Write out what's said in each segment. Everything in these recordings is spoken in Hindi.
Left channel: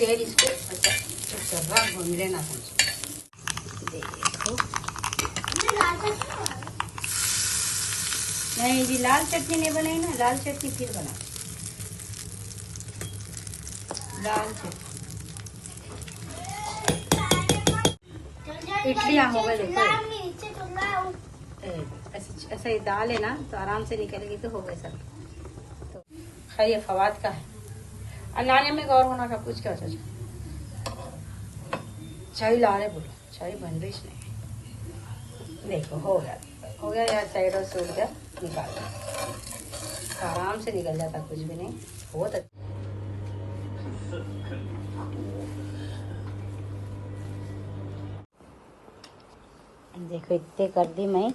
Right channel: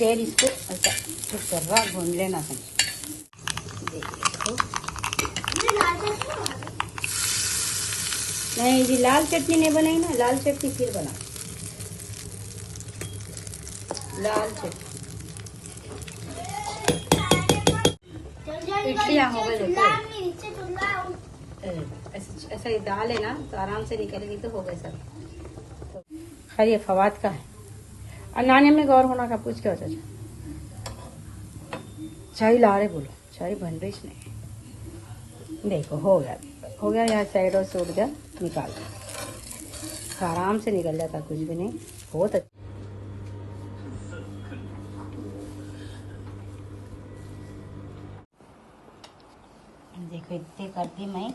देर इसको अच्छा भून लेना है। देखो नहीं जी, लाल चटनी नहीं बनाई ना, लाल चटनी फिर बना। लाल चटनी इडली हो गई। देखो ऐसा ये दाल है ना तो आराम से निकलेगी तो हो गए सब। तो खैर ये फवाद का है। नानी में गौर होना था, पूछ कर चाय ला रहे, बोलो चाय बन रही नहीं। देखो हो गया यहाँ साइड और सूट का निकाल, आराम से निकल जाता, कुछ भी नहीं। बहुत अच्छा। देखो इतने कर दी मैं,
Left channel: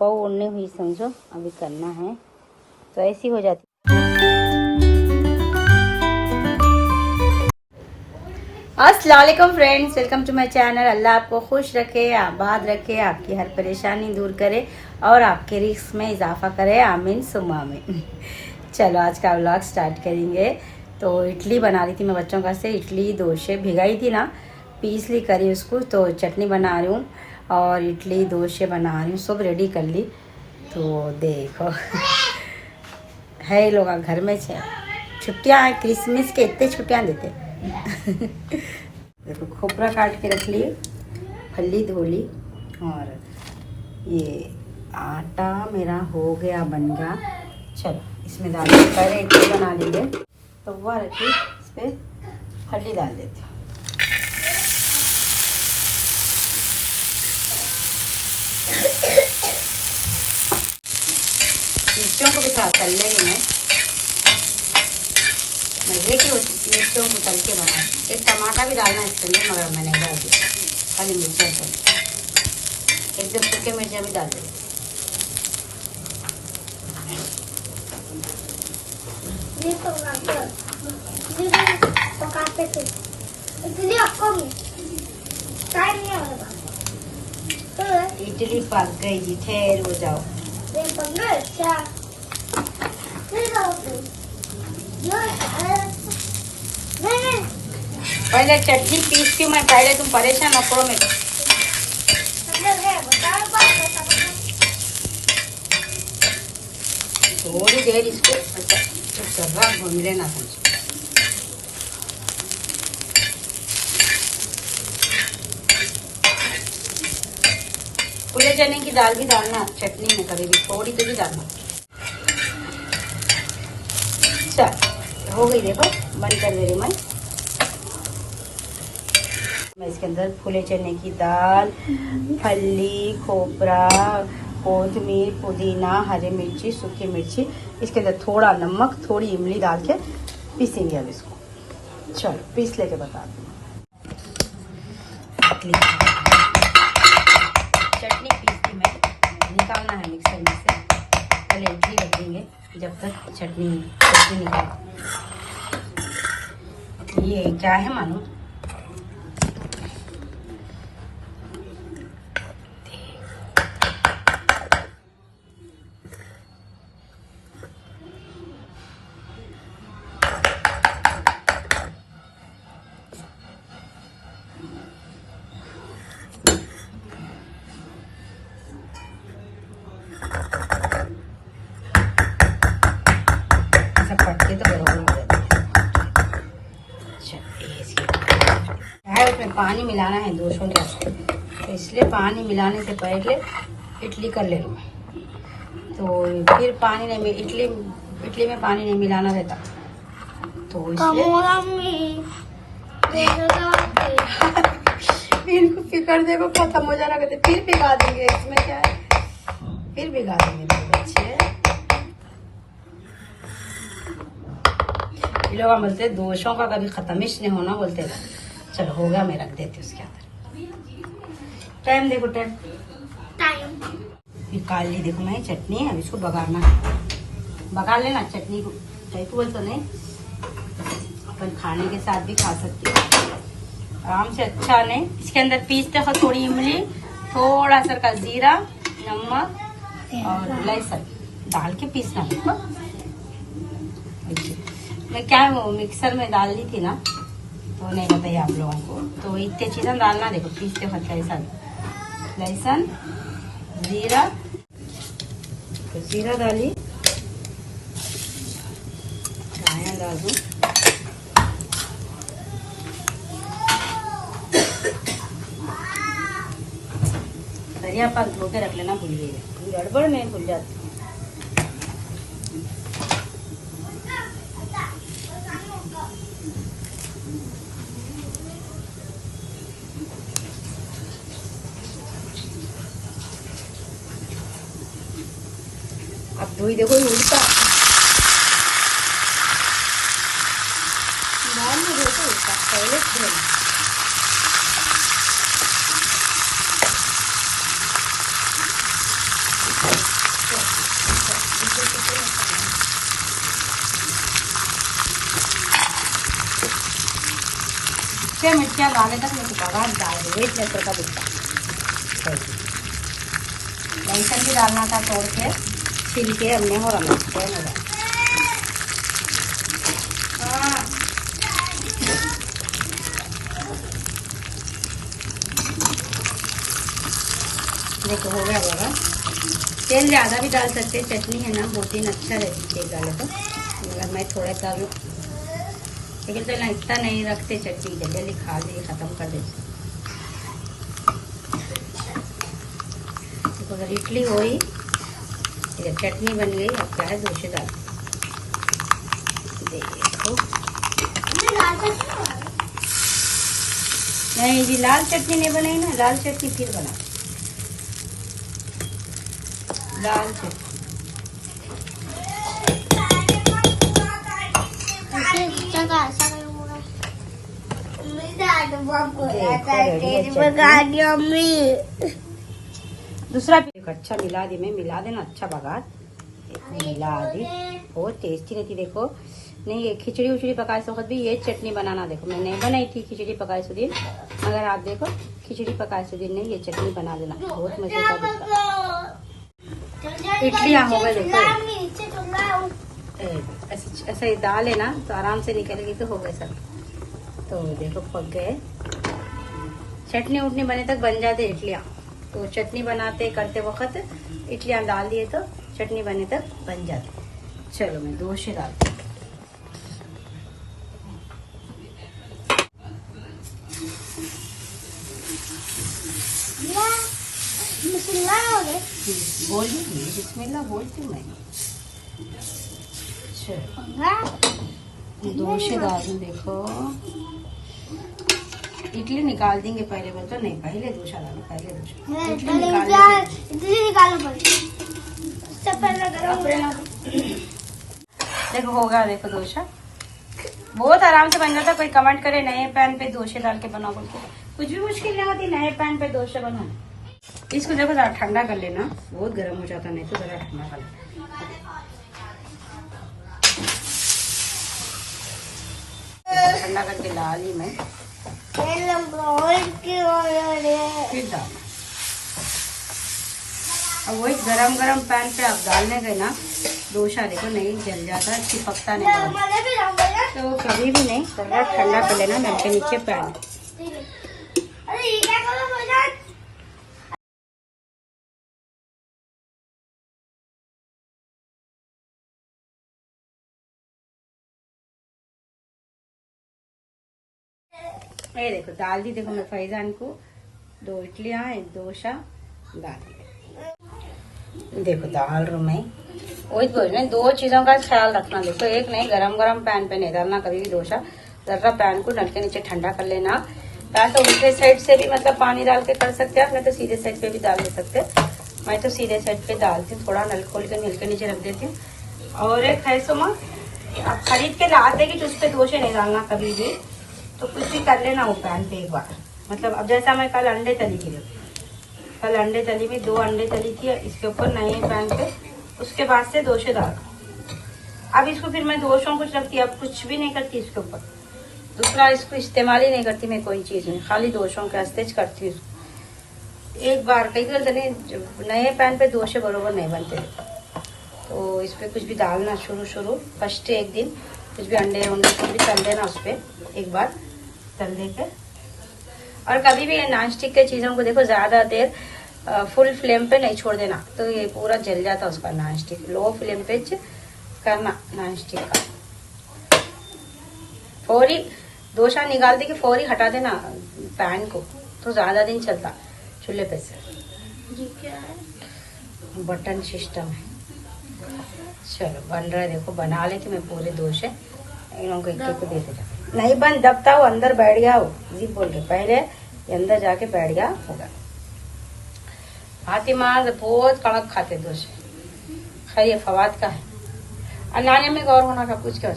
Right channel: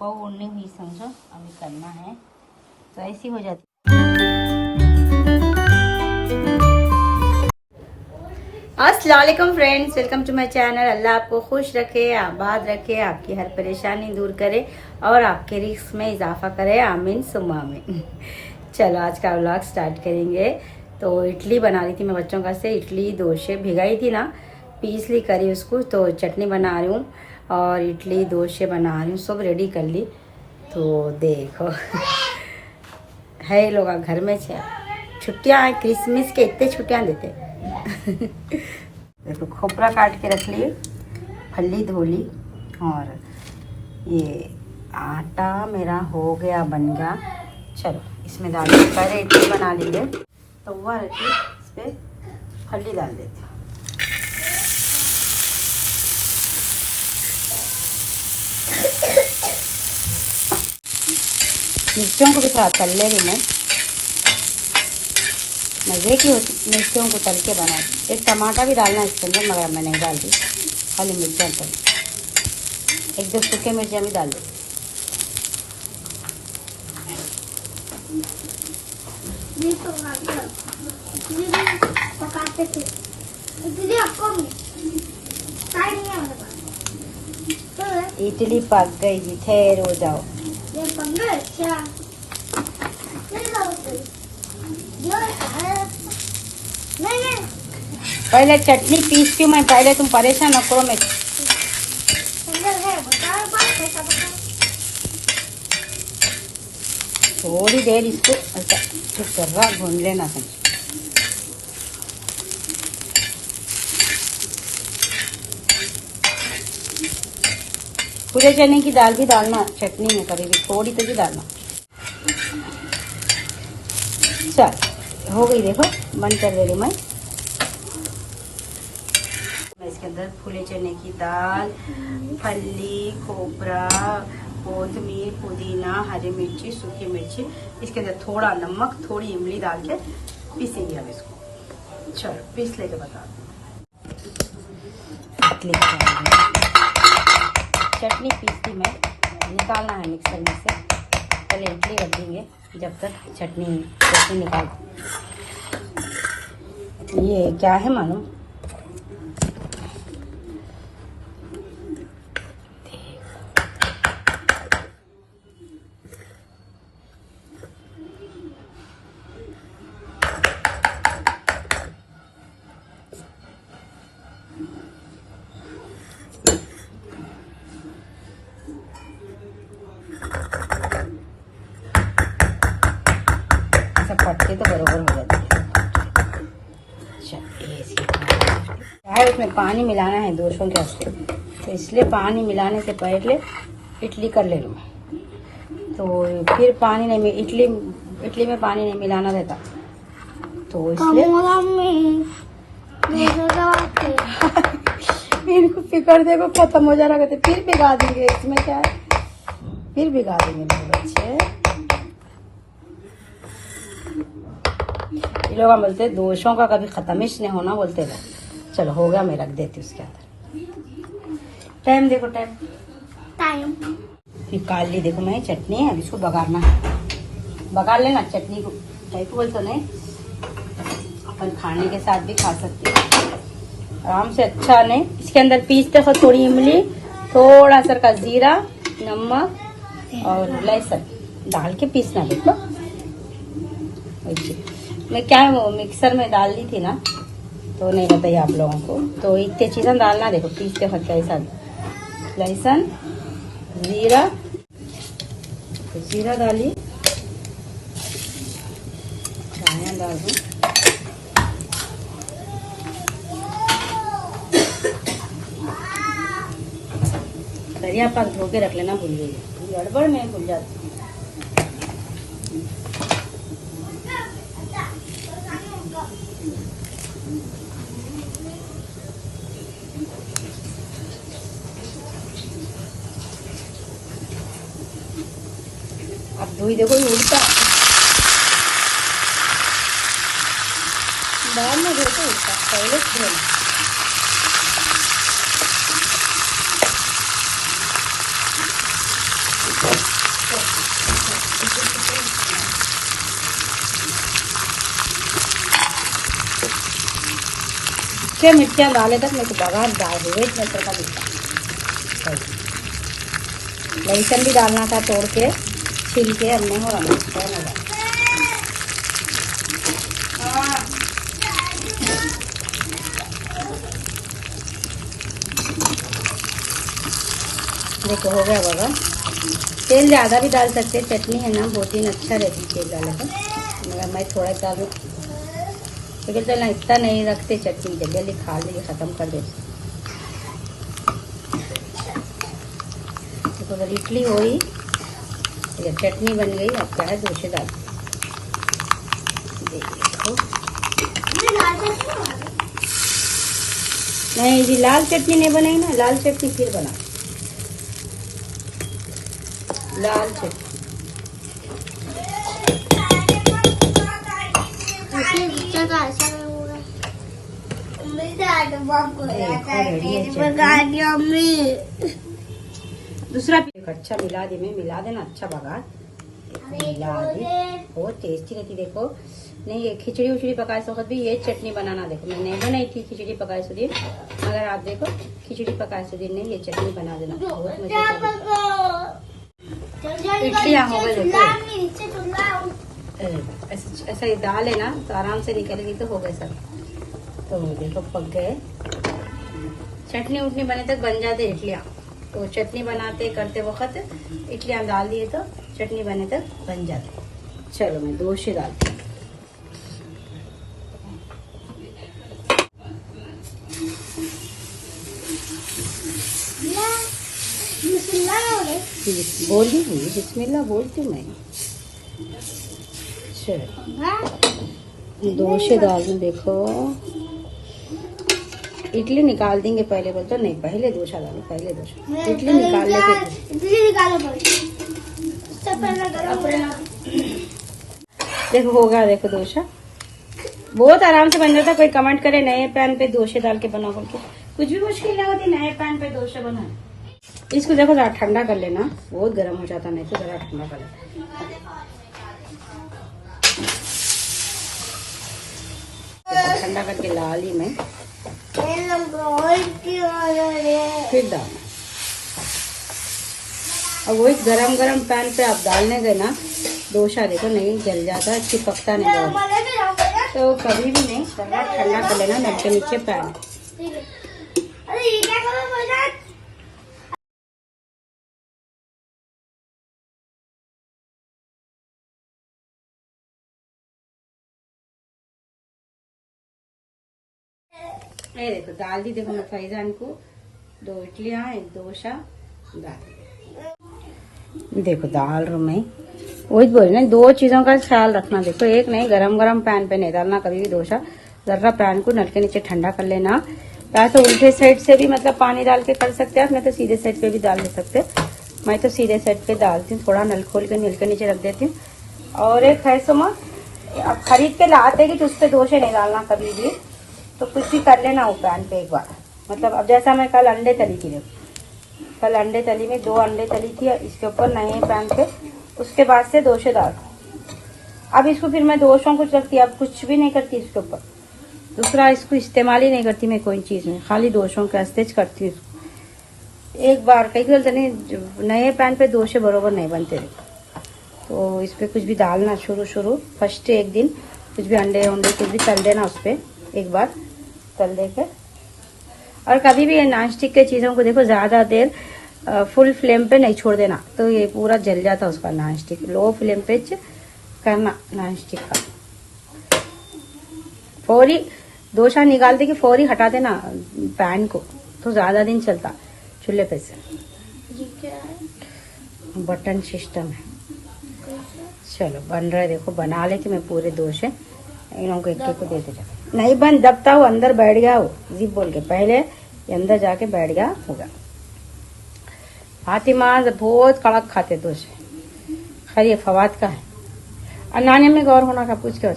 पाव उड़ने हुई समझो, अभी करना है तो ऐसी हो जाती। अस्सलाम वालेकुम friends, welcome to my channel. Allah आपको खुश रखे, आबाद रखे, आपकी हर परेशानी दूर करे और आपके रिस्क में इजाफा करे, आमीन सुम्मा आमीन। चलो आज का व्लॉग स्टार्ट करेंगे। तो इडली बना रही थी मैं बच्चों का से, इडली दोशे भिगाई थी ना, पीस ली करी उसको, तो चटनी बना रही हूँ और इडली दोशे बना रही हूँ, सब रेडी कर ली। तो देखो है लोग घर में छुट्टियाँ हैं, क्रिसमस के इतने छुट्टियाँ देते। देखो खोपरा काट के रख लिए, फली धो ली, और ये आटा मेरा हो गया, बन गया। चलो इसमें डाल देते, पहले इडली बना लीजिए तो वह रखी, इस पर फली डाल देती हूँ। मिर्चों को भी थोड़ा तल ले रही मैं देखी, मिर्चों को तल के बना। एक टमाटर भी डालना इसके अंदर, मगर मैंने डाल दिया, खाली मिर्चा तल, एक दो सूखे मिर्चा भी डाल दी। इडली पक गई जी, ठहर हो जाओ। पहले चटनी पीसती हूँ मैं, पहले तुम परेशान न करो मेरे। थोड़ी देर इसको अच्छा भून लेना है। पूरे चने की दाल भी डालना चटनी में, करेगी थोड़ी तो भी डालना। अच्छा हो गई, देखो मन कर रही मैं इसके अंदर फूले चने की दाल, फली, खोपरा, कोथमीर, पुदीना, हरी मिर्ची, सूखी मिर्ची, इसके अंदर थोड़ा नमक, थोड़ी इमली डाल के पीसेंगे अब इसको। चलो पीस लेके बता दूँ। चटनी पीसती मैं, निकालना है मिक्सर में से, पहले इडली रखेंगे जब तक चटनी निकाल। ये क्या है मालूम, पानी मिलाना है 200 गैस पे, तो इसलिए पानी मिलाने से पहले इडली कर लेना। तो फिर पानी नहीं, इडली में पानी नहीं मिलाना रहता, तो इसलिए फिर फिक्र देखो खत्म हो जा रहा है, फिर भिगा देंगे। इसमें क्या है, फिर भिगा देंगे बच्चे। ये लोग बोलते दोषों का कभी खत्मिश नहीं होना बोलते थे। चलो हो गया, मैं रख देती हूँ उसके अंदर। टाइम देखो, टाइम निकाल ली। देखो मैं चटनी है, अब इसको बघारना है, बघार लेना चटनी को। बोल तो नहीं, अपन खाने के साथ भी खा सकते हैं आराम से। अच्छा नहीं, इसके अंदर पीसते हो थोड़ी इमली, थोड़ा सा का जीरा, नमक और लहसुन डाल के पीसना। देखो मैं क्या वो मिक्सर में डाल दी थी ना, तो नहीं बताइए आप लोगों को। तो इतने चीज़ें डालना, देखो पीसते वक्त कैसा, लहसुन, जीरा, तो जीरा डाली, धनिया डाल दूँ, धनिया पात धो के रख लेना, भूल गई गड़बड़ में भूल जाती। अब धोई देखो उल्टा, दाल में धोते उल्टा, पहले धोना। छह मिर्चियाँ डाले तक मेरे को बघार डाल दो, 1 लीटर का दिखता। लहसुन भी डालना था, तोड़ के छिल के हमने हो रहा देखो हो गया बाबा। तेल ज़्यादा भी डाल सकते, चटनी है ना बहुत ही अच्छा रहती है तेल डालो तो, मगर मैं थोड़ा डालूँ लेकिन तो ना इतना नहीं रखते चटनी, जल्दी खा लेके ख़त्म कर देते। तो अगर इडली हो ही, चटनी बन गई, अब क्या है डोसे डाल देखो। नहीं जी, लाल चटनी नहीं बनाई ना, लाल चटनी फिर बना, लाल चटनी दूसरा भी अच्छा मिला दी, मैं मिला देना, अच्छा बघार मिला दी, बहुत टेस्टी रहती। देखो नहीं, ये खिचड़ी उचड़ी पकाए से वक्त भी ये चटनी बनाना, देखो मैं नहीं बनाई थी खिचड़ी पकाए से दिन, अगर आप देखो खिचड़ी पकाए से दिन नहीं, ये चटनी बना देना, बहुत मजे का। इडली हो गई देखो, ऐसा ये दाल है ना तो आराम से निकलेगी, तो हो गए सब। तो देखो पक गए, चटनी उटनी बने तक बन जाते इडलियाँ। तो चटनी बनाते करते वक्त इडलियाँ डाल दिए तो चटनी बने तक बन जाते। चलो मैं डोसे डालती हूँ। बोली बिस्मिल्लाह बोलती हूँ मैं। चलो डोसे डाल दूँ, देखो इडली निकाल देंगे पहले, बोलते नहीं पहले डोसा डालो, पहले डोसा इडली निकालो। देखो हो गया, देखो डोसा बहुत आराम से बन जाता। कोई कमेंट करे नए पैन पे डोसे डाल के बनाओ, कुछ भी मुश्किल नहीं होती नए पैन पे डोसा बनाना। इसको देखो जरा ठंडा कर लेना, बहुत गर्म हो जाता, नहीं तो जरा ठंडा कर लेना। ठंडा करके ला ली मैं, फिर डाल। अब वही गरम गरम पैन पे आप डालने गए ना डोसा, देखो नहीं जल जाता, चिपकता नहीं, तो कभी भी नहीं, थोड़ा ठंडा कर लेना नल के नीचे पैन। ये देखो डाल दी, देखो मैं फैजान को 2 इडलियाँ 1 डोसा डाल दी। देखो डाल रहा हूँ मैं, वही बोल रही 2 चीजों का ख्याल रखना। देखो एक नहीं, गरम गरम पैन पे नहीं डालना कभी भी डोसा, जरा पैन को नल के नीचे ठंडा कर लेना। या तो उल्टे साइड से भी मतलब पानी डाल के कर सकते हैं, मैं तो सीधे साइड पे भी डाल सकते। मैं तो सीधे साइड पे डालती हूँ, थोड़ा नल खोल के नल के नीचे रख देती हूँ। और एक है सुमा, खरीद के लाते कि उस पर डोसे नहीं डालना कभी भी, तो कुछ भी कर लेना वो पैन पे एक बार। मतलब अब जैसा मैं कल अंडे तली थी, कल अंडे तली में 2 अंडे तली थी, इसके ऊपर नए पैन पे, उसके बाद से डोसे डाल। अब इसको फिर मैं डोसों कुछ रखती, अब कुछ भी नहीं करती इसके ऊपर, दूसरा इसको इस्तेमाल ही नहीं करती मैं कोई चीज में, खाली डोसों के अस्तेज करती हूँ एक बार। कई बार नए पैन पे डोसे बरोबर नहीं बनते, तो इस पे कुछ भी डालना शुरू फर्स्ट एक दिन कुछ भी अंडे कुछ भी तल देना उस पर एक बार, तल लेके। और कभी भी नॉन स्टिक के चीजों को देखो ज्यादा देर फुल फ्लेम पे नहीं छोड़ देना, तो ये पूरा जल जाता है उसका नॉन स्टिक। लो फ्लेम पे करना नॉन स्टिक का। फौरी डोसा निकालते कि फौरी हटा देना पैन को, तो ज्यादा दिन चलता चूल्हे पे से। बटन सिस्टम है। चलो बन रहा है, देखो बना लेती मैं पूरे डोसे। इन लोगों को एक को देते जाओ। नहीं बन दबता वो अंदर बैठ गया, वो जी बोल के पहले अंदर जाके बैठ गया होगा। फातिमा बहुत कड़क खाते डोसे, खैर ये फवाद का है। और नानी में गौर होना था, पूछ के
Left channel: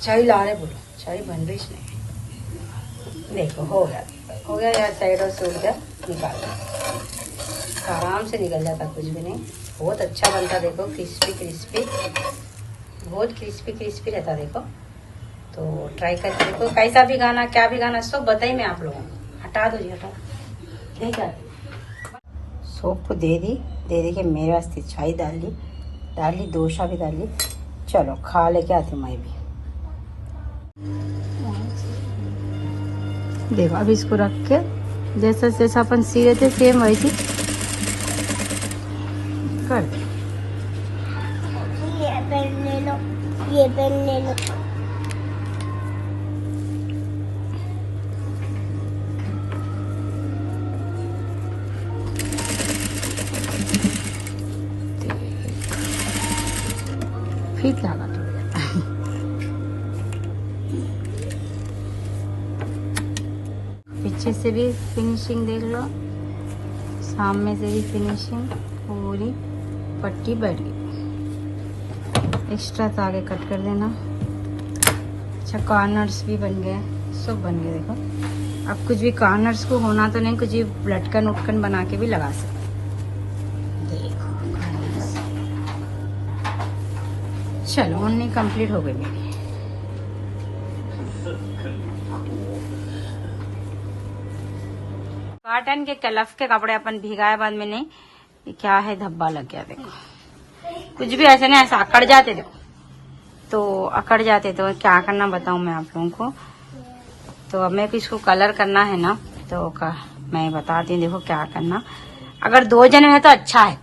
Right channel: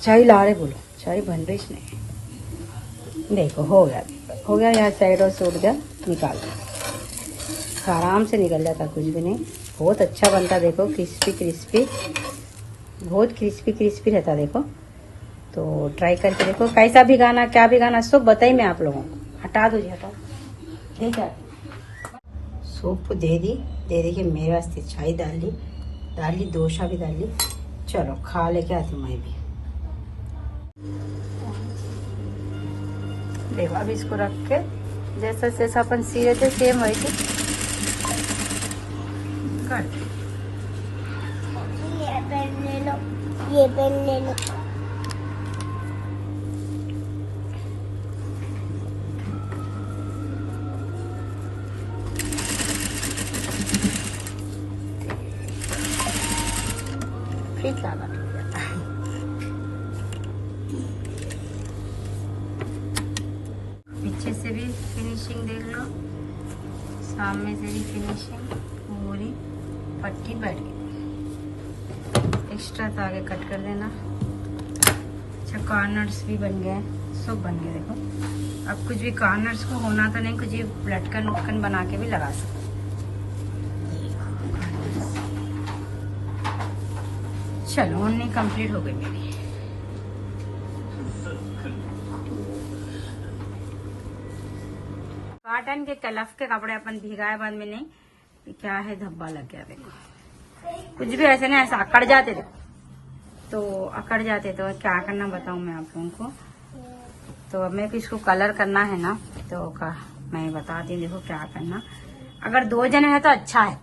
चाय ला रहे, बोलो चाय बन रही नहीं। देखो हो गया यहाँ साइड और सूट गया, निकाल आराम से निकल जाता, कुछ भी नहीं। बहुत अच्छा बनता, देखो क्रिस्पी बहुत क्रिस्पी रहता। देखो तो ट्राई करके देखो, कैसा भिगाना क्या भिगाना सब बताई मैं आप लोगों को। हटा दो जी, हटा ठीक है। सूप दे दी के मेरे वास्ते चाय डाल ली डोसा भी डाल ली। चलो खा लेके आती मैं भी। देखो अब इसको रख के जैसा अपन सीए थे सेम वैसे कर। ये पेन ले लो। फीट लगा पीछे से भी फिनिशिंग देख लो, सामने से भी फिनिशिंग, पूरी पट्टी बैठ गई। एक्स्ट्रा तागे कट कर देना। अच्छा कॉर्नर्स भी बन गए, सब बन गए। देखो अब कुछ भी कॉर्नर्स को होना तो नहीं, कुछ भी लटकन उटकन बना के भी लगा सकते। देखो कॉर्नर्स। चलो ओढ़नी कंप्लीट हो गई मेरी। कॉटन के कलफ के कपड़े अपन भिगाए बाद में नहीं, क्या है धब्बा लग गया। देखो कुछ भी ऐसे नहीं, ऐसा अकड़ जाते। देखो तो अकड़ जाते, तो क्या करना बताऊं मैं आप लोगों को। तो अब मेरे को इसको कलर करना है ना, तो मैं बताती हूँ। देखो क्या करना, अगर 2 जने हैं तो अच्छा है।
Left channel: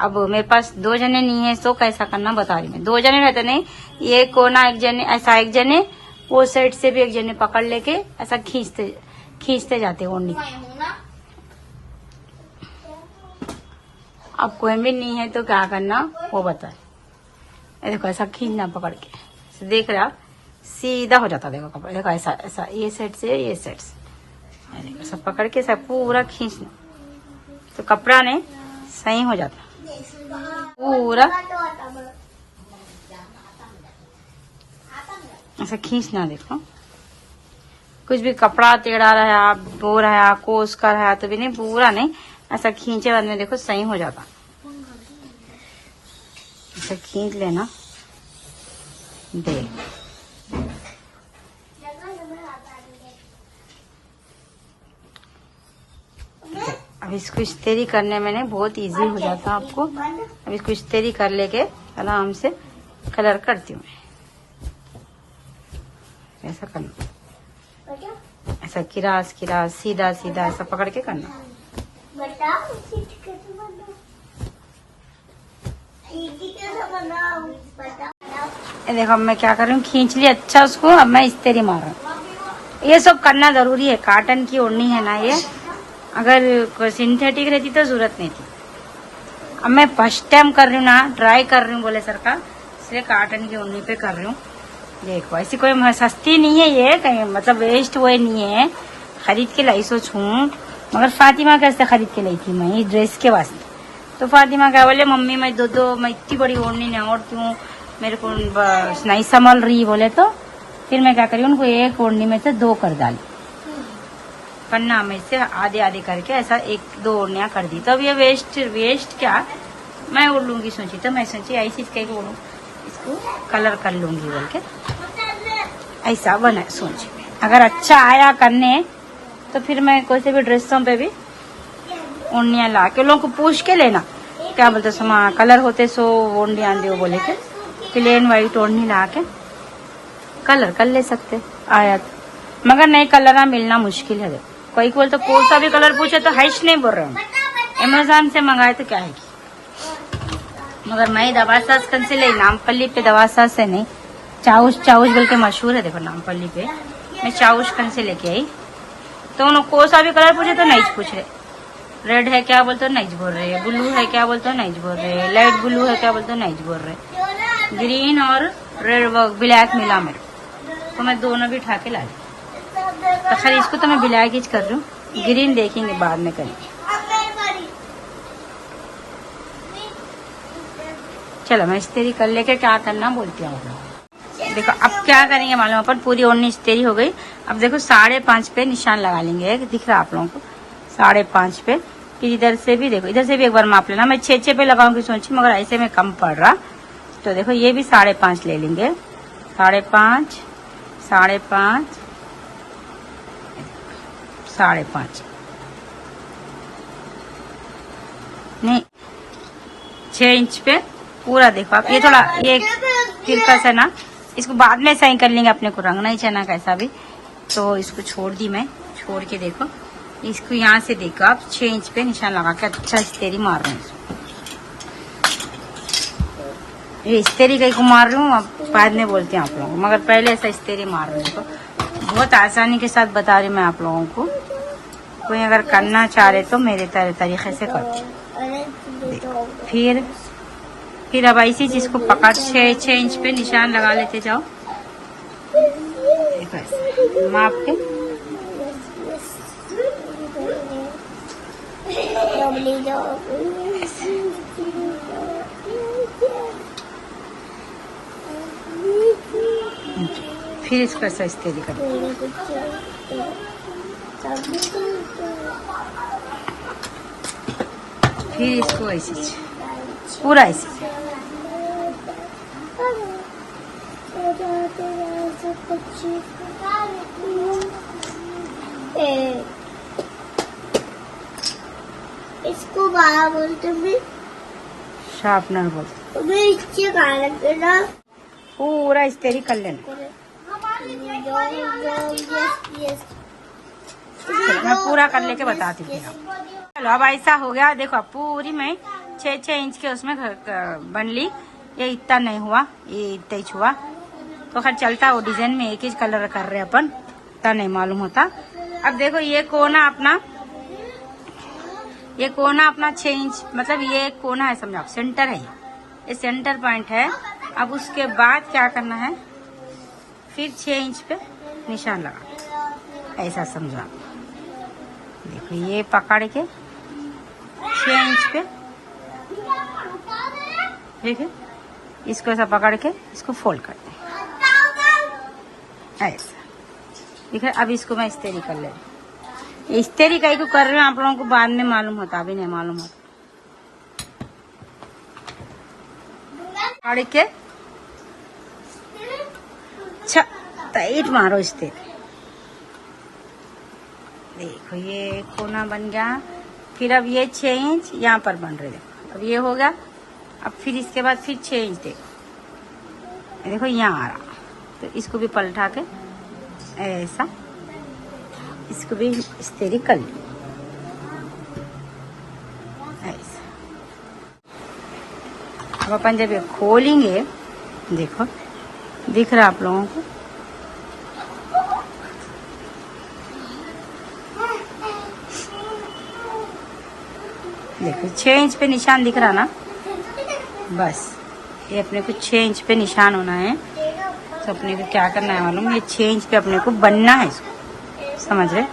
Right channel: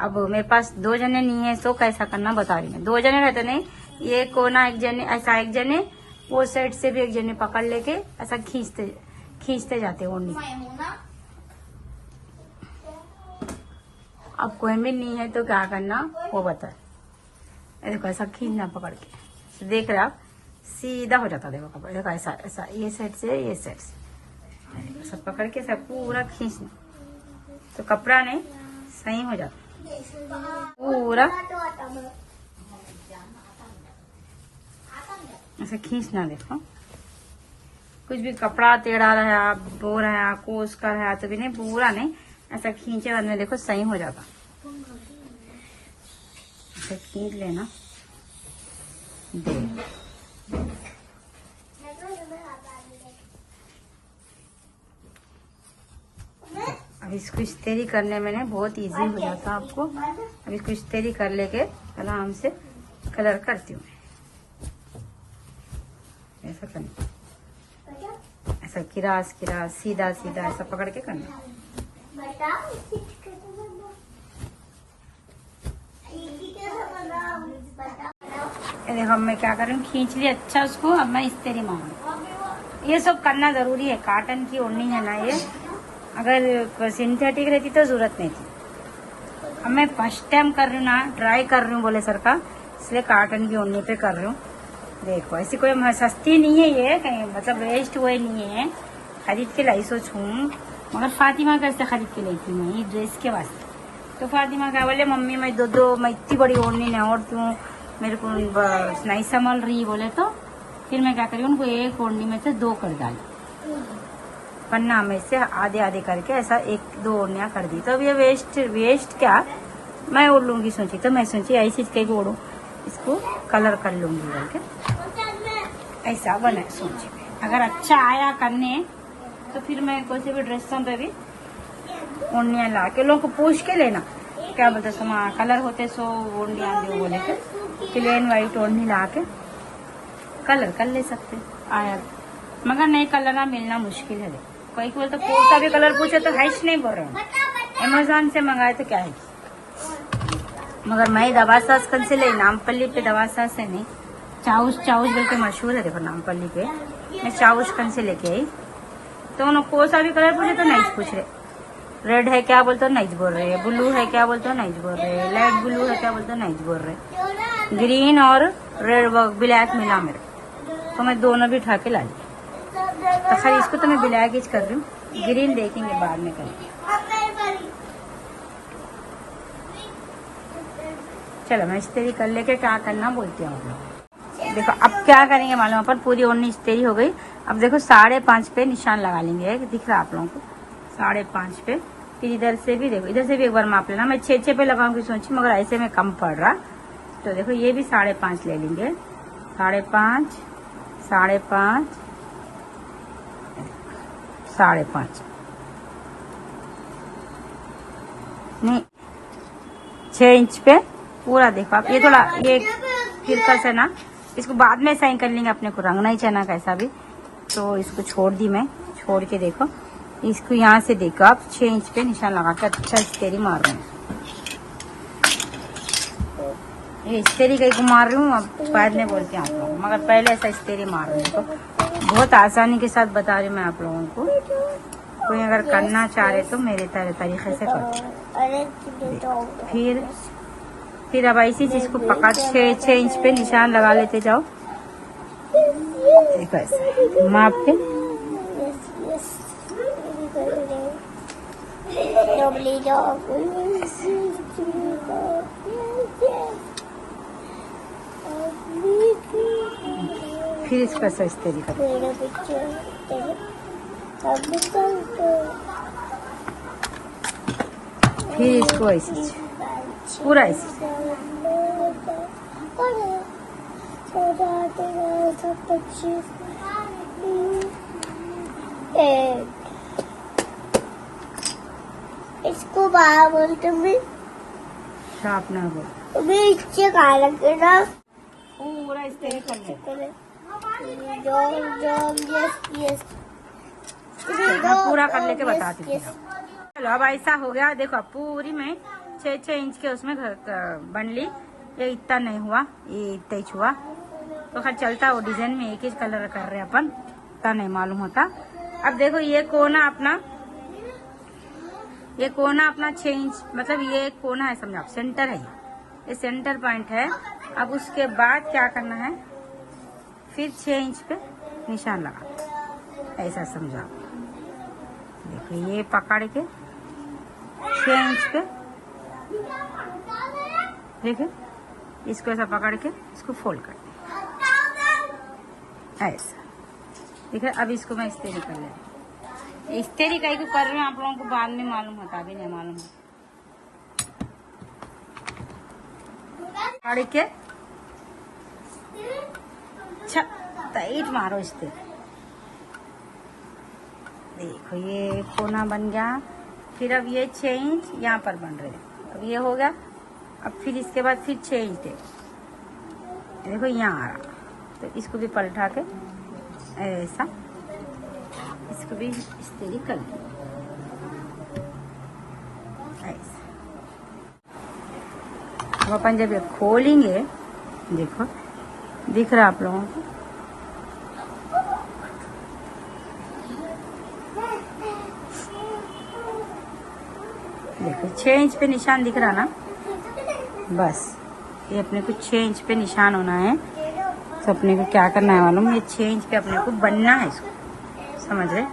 अब मेरे पास 2 जने नहीं है तो कैसा करना बता रही मैं। 2 जने रहते नहीं, ये कोना एक जने ऐसा, एक जने वो साइड से भी एक जने पकड़ लेके ऐसा खींचते जाते ओढ़नी। अब कोई भी नहीं है तो क्या करना वो बता। देखो ऐसा खींचना पकड़ के, देख रहे आप सीधा हो जाता। देखो कपड़ा, देखो ऐसा ये साइड से ये साइड से, देखो सब पकड़ के सब पूरा खींचना, तो कपड़ा नहीं सही हो जाता पूरा। ऐसा खींचना। देखो कुछ भी कपड़ा टेढ़ा रहा, बो रहा, कोस का रहा तो भी नहीं, पूरा नहीं, ऐसा खींचे बाद में देखो सही हो जाता। ऐसा खींच लेना। देख अब इसको इस्तेरी करने में नहीं बहुत इजी हो जाता आपको। अब इसको इस्तेरी कर लेके आराम से कलर करती हूँ। ऐसा करना, ऐसा किरास सीधा ऐसा पकड़ के करना। देखो मैं क्या कर रही हूँ, खींच ली अच्छा उसको। अब मैं इस्तेरी मार रहा हूँ। ये सब करना जरूरी है, कॉटन की ओढ़नी है ना ये। अगर सिंथेटिक रहती तो जरूरत नहीं थी। अब मैं फर्स्ट टाइम कर रही हूँ ना, ट्राई कर रही हूँ बोले सर का, इसलिए कॉटन की ओढ़नी पे कर रही हूँ। देखो ऐसी कोई सस्ती नहीं है ये, कहीं मतलब वेस्ट वो नहीं है, खरीद के लाई सोच हूँ। मगर फातिमा कैसे खरीद के लाई थी मैं ये ड्रेस के वास्ते। तो फातिमा क्या बोले, मम्मी मैं मैं इतनी बड़ी ओढ़नी नहीं ओढ़ती हूँ, मेरे को नहीं संभल रही बोले। तो फिर मैं क्या करी, उनको एक ओढ़नी में से 2 कर डाली, पन्ना में से आधे करके ऐसा 1-2 ओढ़नियाँ कर दी। तो अब ये वेस्ट क्या मैं ओढ़ लूंगी सोची। तो मैं सोची ऐसी इसके ओढ़ू, इसको कलर कर लूंगी बोल के ऐसा बना सोची। अगर अच्छा आया करने तो फिर मैं कोई से भी ड्रेसों पे भी ओढ़नियाँ ला के लोगों को पूछ के लेना, क्या बोलते समा कलर होते सो ओढ़नियाँ दो बोले के, प्लेन वाइट ओढ़नी ला के कलर कर ले सकते आया तो। मगर नहीं कलर ना मिलना मुश्किल है। कोई बोल तो कोई सा भी कलर पूछे तो हैश नहीं बोल रहे हैं। अमेजोन से मंगाए तो क्या है कि, मगर मैं दवा सास कन से ले, नामपल्ली पे दवा सास से नहीं, चाउश बोल के मशहूर है। देखो नामपल्ली पे मैं चाउश कन से लेके आई तो उन्होंने कोई सा भी कलर पूछे तो नहीं पूछ रहे। रेड है क्या बोलते हो नहीं बोल रहे, ब्लू है क्या बोलते हो नहीं बोल रहे, लाइट ब्लू है क्या बोलते हो नहीं बोल रहे। ग्रीन और रेड ब्लैक मिला मेरे, तो मैं दोनों भी उठा के ला ली। तो खैर इसको तो मैं ब्लैक ही कर रही हूँ, ग्रीन देखेंगे बाद में करेंगे। चलो मैं इस्तेरी कर लेके क्या करना बोलती हूँ आप लोग। देखो अब क्या करेंगे मालूम, अपन पूरी ओढ़नी इस्तेरी हो गई। अब देखो 5.5 पे निशान लगा लेंगे। दिख रहा आप लोगों को 5.5 पे। फिर इधर से भी देखो, इधर से भी एक बार माप लेना। मैं 6 पे लगाऊंगी सोची, मगर ऐसे में कम पड़ रहा। तो देखो ये भी 5.5 ले लेंगे। 5.5 5.5 5.5 नहीं 6 इंच पे पूरा। देखो आप ये थोड़ा ये तिरकस है ना, इसको बाद में सही कर लेंगे, अपने को रंगना ही चाहिए कैसा भी। तो इसको छोड़ दी मैं, छोड़ के देखो इसको यहाँ से देखो आप 6 इंच पे निशान लगा के अच्छा इस्तेरी मार रहे हैं। ये इस्तेरी कहीं को मार रही हूँ, अब बाद में बोलते हैं आप लोगों को, मगर पहले ऐसा इस्तेरी मार रही हूँ। तो बहुत आसानी के साथ बता रही हूँ मैं आप लोगों को। कोई अगर करना चाह रहे तो मेरे तरीके से करो। फिर अब ऐसी चीज को पकड़ 6 इंच पे निशान लगा लेते जाओ। माप के फिर इसको ऐसा इस्तेरी कर, फिर इसको ऐसे पूरा ऐसे। इसको बाहर बोलते हैं, शार्पनर बोलते हैं। पूरा इस्तेरी कर लेना। मैं पूरा कर लेके बताती हूँ। चलो अब ऐसा हो गया। देखो अब पूरी मैं 6 इंच के उसमें बन ली। ये इतना नहीं हुआ, ये इतना ही हुआ तो खैर चलता। वो डिजाइन में एक ही कलर कर रहे अपन, इतना नहीं मालूम होता। अब देखो ये कोना अपना, ये कोना अपना 6 इंच, मतलब ये कोना है समझो आप, सेंटर है ये सेंटर पॉइंट है। अब उसके बाद क्या करना है, फिर 6 इंच पे निशान लगा, ऐसा समझो आप। देखो ये पकड़ के 6 इंच पे, देखिए इसको ऐसा पकड़ के इसको फोल्ड कर दे ऐसा। ठीक है, अब इसको मैं इस्तेरी कर ले। इस्तेरी कहीं को कर रही हूँ आप लोगों को बाद में मालूम होता, अभी नहीं मालूम होता। पकड़ के टाइट मारो इस्तेरी। देखो ये कोना बन गया। फिर अब ये 6 इंच यहाँ पर बन रहे, अब ये हो गया। अब फिर इसके बाद फिर 6 इंच देखो यहाँ आ रहा, तो इसको भी पलटा के ऐसा इसको भी इस्तेरी कर ली ऐसा। अब अपन जब ये खोलेंगे, देखो दिख रहा आप लोगों को, देखो 6 इंच पे निशान दिख रहा ना, बस ये अपने को 6 इंच पे निशान होना है। तो अपने को क्या करना है मालूम, ये 6 इंच पे अपने को बनना है, इसको समझ रहे।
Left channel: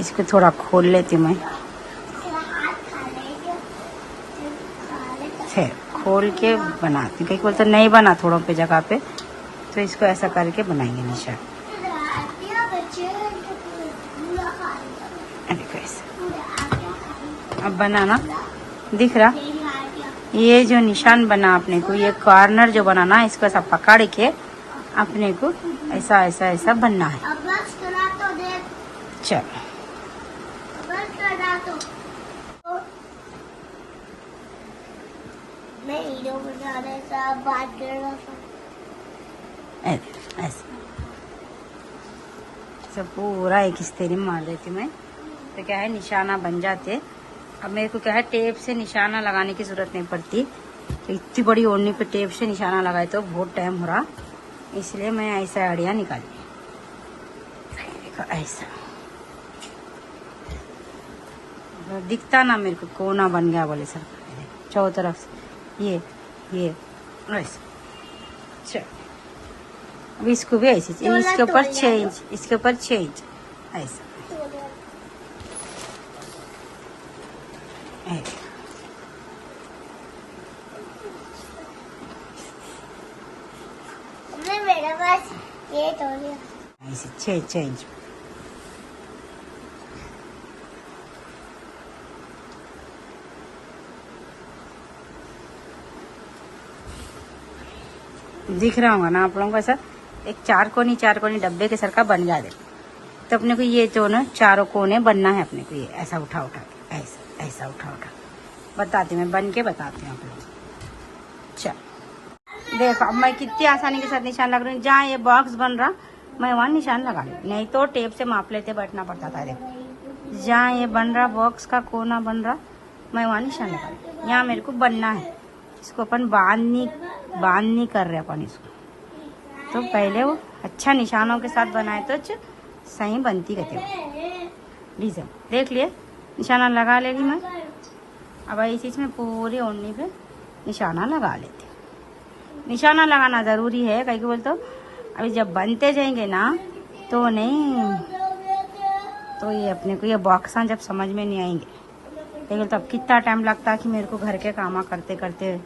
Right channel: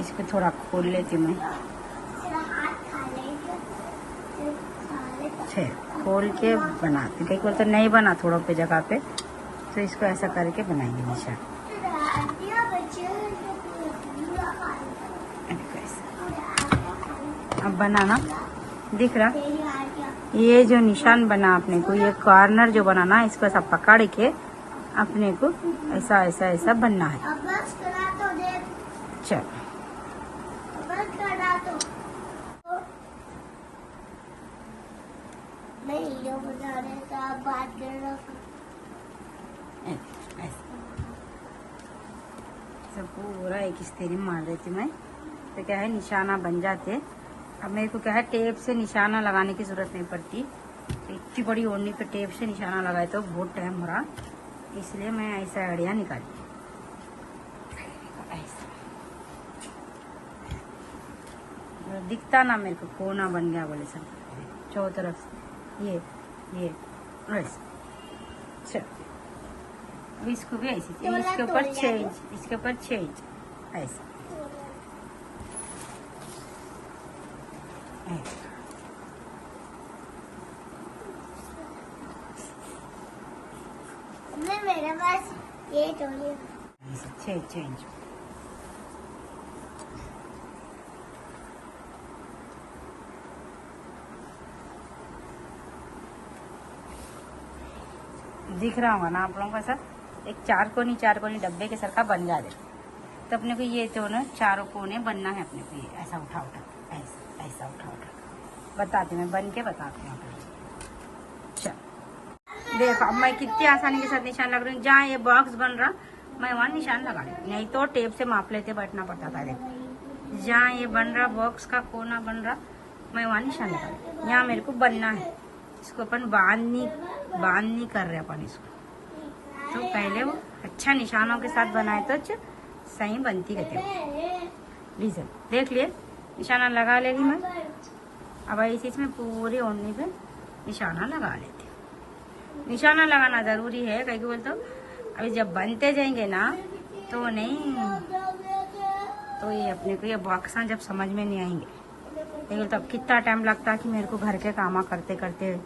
इसको थोड़ा खोल लेती हूँ मैं, फिर खोल के बनाती हूँ। कहीं बोलते नहीं बना थोड़ों पे जगह पे, तो इसको ऐसा करके बनाएंगे निशान। अब बनाना दिख रहा, ये जो निशान बना अपने को, ये कॉर्नर जो बनाना, इसको ऐसा पकड़ के अपने को ऐसा ऐसा ऐसा बनना है। चलो मैं वीडियो बना रहा था, बात कर रहा था। ऐसे सब पूरा एक हिस्से में मार देती मैं, तो क्या है निशाना बन जाते। अब मेरे को क्या है टेप से निशाना लगाने की जरूरत नहीं पड़ती, तो इतनी बड़ी ओढ़नी पे टेप से निशाना लगाए तो बहुत टाइम हो रहा, इसलिए मैं ऐसा आइडिया निकाली। ऐसा दिखता ना मेरे को कोना बन गया बोले सर, चारों तरफ से ये ऐसा। चल अब इसको भी ऐसे इसके ऊपर 6 इंच, इसके ऊपर 6 इंच ऐसा। मेरे पास ये तो ऐसे 6 इंच। दिख रहा होगा ना आप लोगों को, ऐसा एक चार कोनी डब्बे के सर का बन गया। तो अपने को ये तो ना चारों कोने बनना है अपने को, ये ऐसा उठा के ऐसा उठा बताती मैं बन के बताती हूँ आप लोग। चल देखो अब मैं कितनी आसानी के साथ निशान लग रही हूँ। जहाँ ये बॉक्स बन रहा मैं वहाँ निशान लगा ली, नहीं तो टेप से माप लेते बैठना पड़ता था। देखो जहाँ ये बन रहा बॉक्स का कोना बन रहा मैं वहाँ निशान लगा ली। यहाँ मेरे को बनना है, इसको अपन बांध नहीं कर रहे अपन इसको। तो पहले वो अच्छा निशानों के साथ बनाए तो सही बनती रहती है। लीजिए देख लिए निशाना लगा लेगी मैं। अब इस चीज में पूरी ओढ़नी पे निशाना लगा लेती हूँ। निशाना लगाना ज़रूरी है, कहीं बोल तो अभी जब बनते जाएंगे ना तो नहीं, तो ये अपने को ये बॉक्सा जब समझ में नहीं आएंगे। लेकिन तब कितना टाइम लगता है कि मेरे को घर के काम करते करते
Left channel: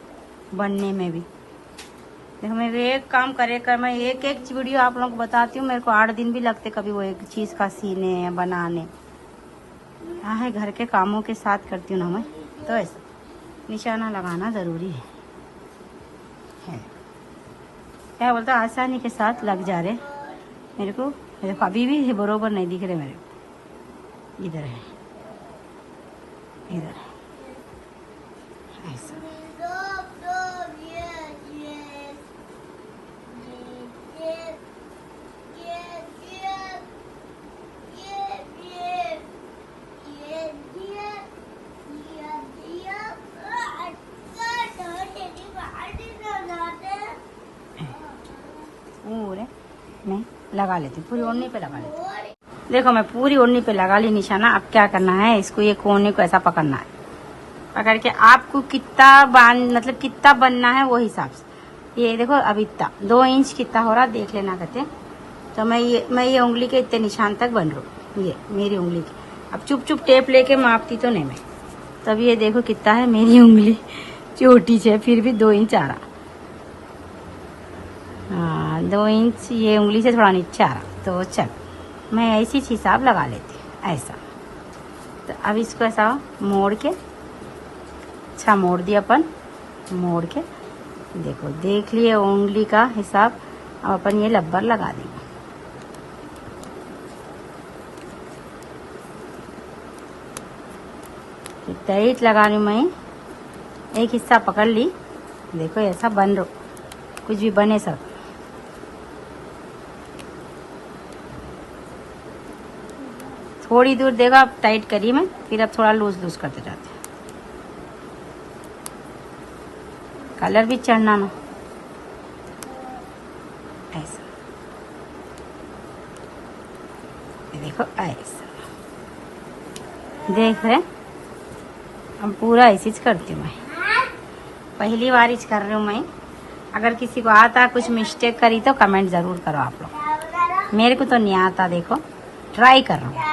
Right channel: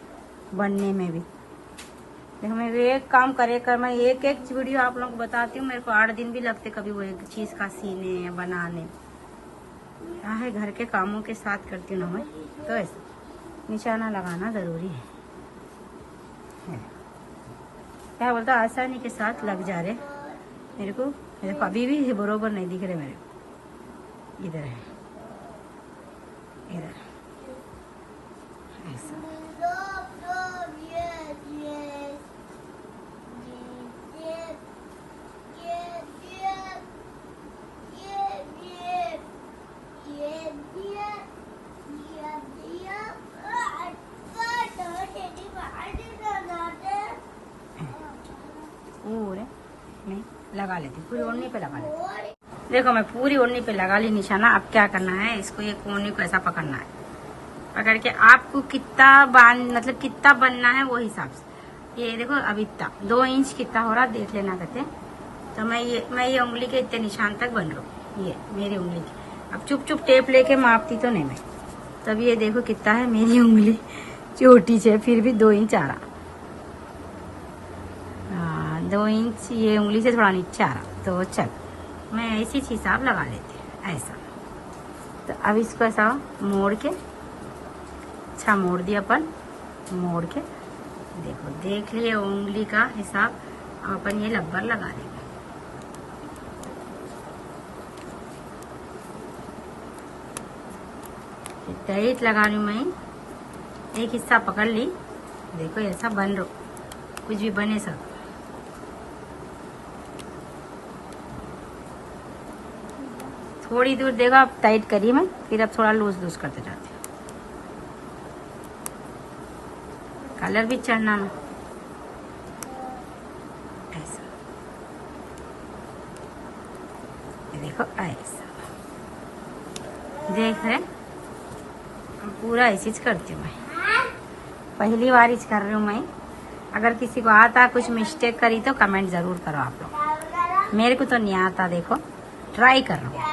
बनने में भी। देखो मैं एक काम मैं एक वीडियो आप लोगों को बताती हूँ, मेरे को 8 दिन भी लगते कभी वो एक चीज़ का सीने बनाने। क्या है घर के कामों के साथ करती हूँ ना मैं, तो ऐसा निशाना लगाना ज़रूरी है। क्या बोलता आसानी के साथ लग जा रहे मेरे को। देखो अभी भी बरोबर नहीं दिख रहे मेरे को, इधर है इधर ऐसा। पूरे मैं लगा लेती, पूरी ओढ़नी पे लगा लेती। देखो मैं पूरी ओढ़नी पे लगा ली निशाना। अब क्या करना है, इसको ये कोने को ऐसा पकड़ना है। पकड़ के आपको कितना बनना है वो हिसाब से। ये देखो अब इतना 2 इंच कितना हो रहा देख लेना कहते। तो मैं ये उंगली के इतने निशान तक बन रहा हूँ, ये मेरी उंगली की। अब चुप टेप लेके मापती तो नहीं मैं। तब ये देखो कितना है, मेरी उंगली छोटी है फिर भी 2 इंच आ रहा। हाँ 2 इंच ये उंगली से थोड़ा नीचे आ रहा। तो चल मैं ऐसी हिसाब लगा लेती हूँ ऐसा। तो अब इसको ऐसा मोड़ के, अच्छा मोड़ दिया अपन, मोड़ के देखो देख लिए उंगली का हिसाब। अब अपन ये लब्बर लगा देंगे। टाइट लगा रही हूँ मैं, एक हिस्सा पकड़ ली। देखो ऐसा बन रो, कुछ भी बने सब। थोड़ी दूर देखो अब टाइट करी मैं, फिर अब थोड़ा लूज करते जाते। कलर भी चढ़ना ना ऐसा। देखो ऐसा देख रहे, अब पूरा ऐसी करती हूँ मैं। पहली बार इच कर रही हूँ मैं। अगर किसी को आता कुछ मिस्टेक करी तो कमेंट जरूर करो आप लोग। मेरे को तो नहीं आता, देखो ट्राई कर रहा हूँ।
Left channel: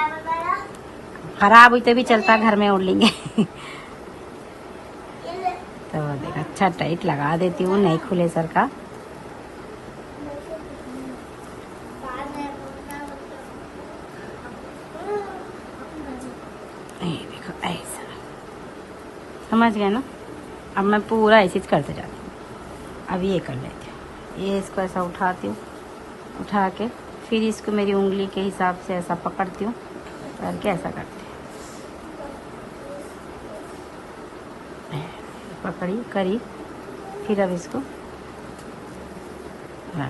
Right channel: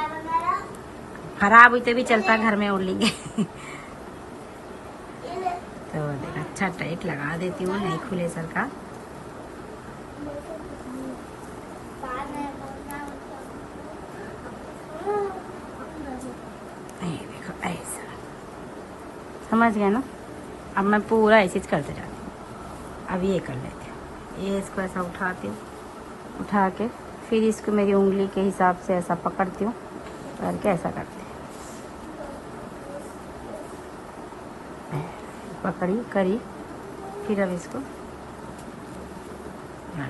खराब हुई तो भी चलता, घर में उड़ लेंगे। तो देखो अच्छा टाइट लगा देती हूँ, नहीं खुले सर का। देखो ऐसा समझ गए ना। अब मैं पूरा ऐसे करते जाती हूँ। अब ये कर लेती हूँ, ये इसको ऐसा उठाती हूँ, उठा के फिर इसको मेरी उंगली के हिसाब से ऐसा पकड़ती हूँ, करके ऐसा करती हूँ। पकड़ी करी फिर अब इसको लगा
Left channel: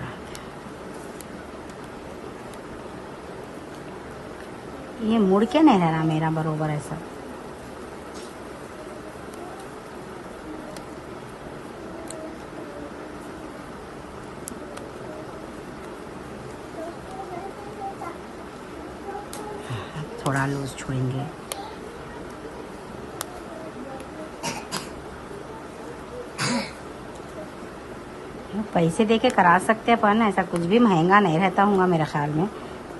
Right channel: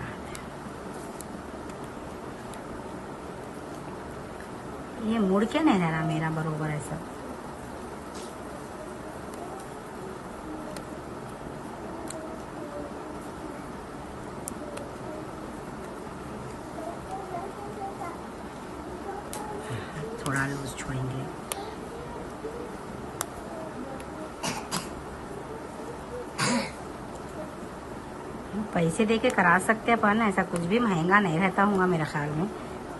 दे। ये मुड़ के नहीं रहा मेरा बरोबर ऐसा। थोड़ा लूज छोड़ेंगे। पैसे दे के करा सकते हैं अपन, ऐसा कुछ भी महंगा नहीं रहता होगा मेरे ख्याल में।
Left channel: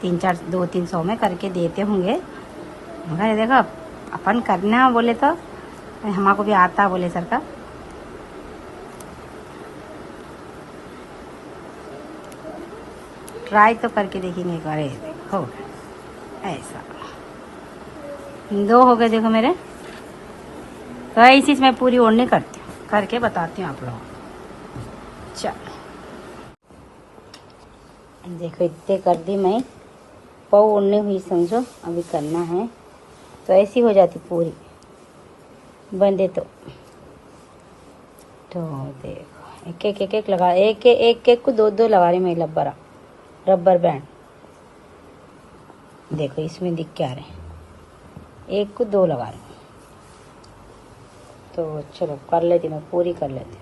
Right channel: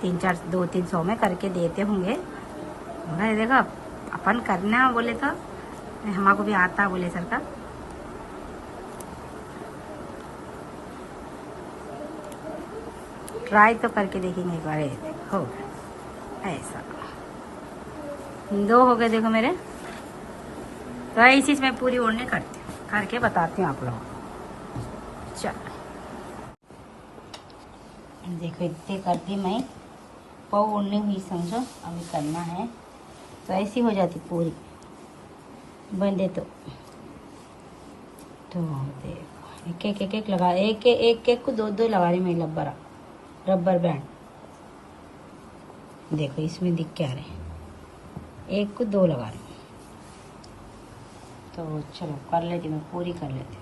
200-300 में करके देते होंगे। मगर देखो अपन करना बोले तो हमको भी आता बोले सर का। ट्राई तो करके देखेंगे एक बार। हो गया ऐसा, 2 हो गए देखो मेरे। तो ऐसी मैं पूरी ओढ़नी करके बताती हूँ आप लोगों को। चलो देखो इतने कर दी मैं, पाव ओढ़नी हुई समझो। अभी करना है तो ऐसी हो जाती पूरी बंदे तो देखो एक लगा, एक को 2 लगा रही मैं रबर बैंड। देखो इसमें दिख क्या रहे, 1 को 2 लगा रही। तो चलो कर लेती मैं, पूरी कर लेती।